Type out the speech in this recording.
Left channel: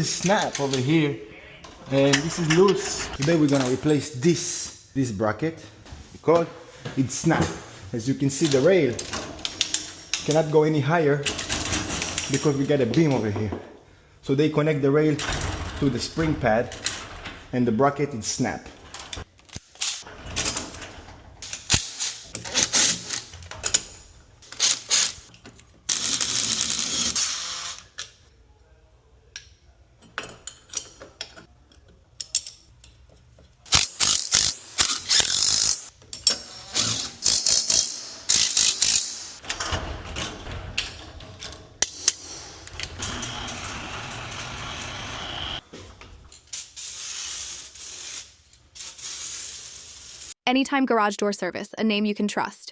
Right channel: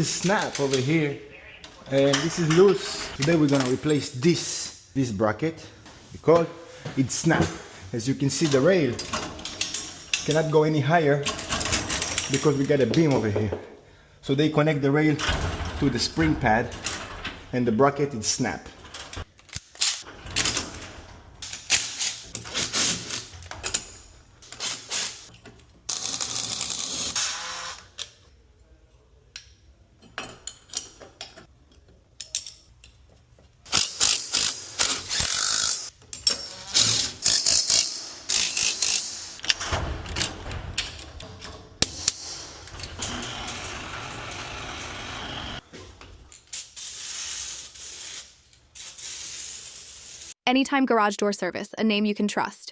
This snap over here, and this is loose. Today we're gonna replace this bracket because it snapped. As you can see, the rail cannot go any higher because we got a beam over here. So they connect the rail to the spring pad, and the bracket is snapped. Anytime Garage Door Service, a name you can trust.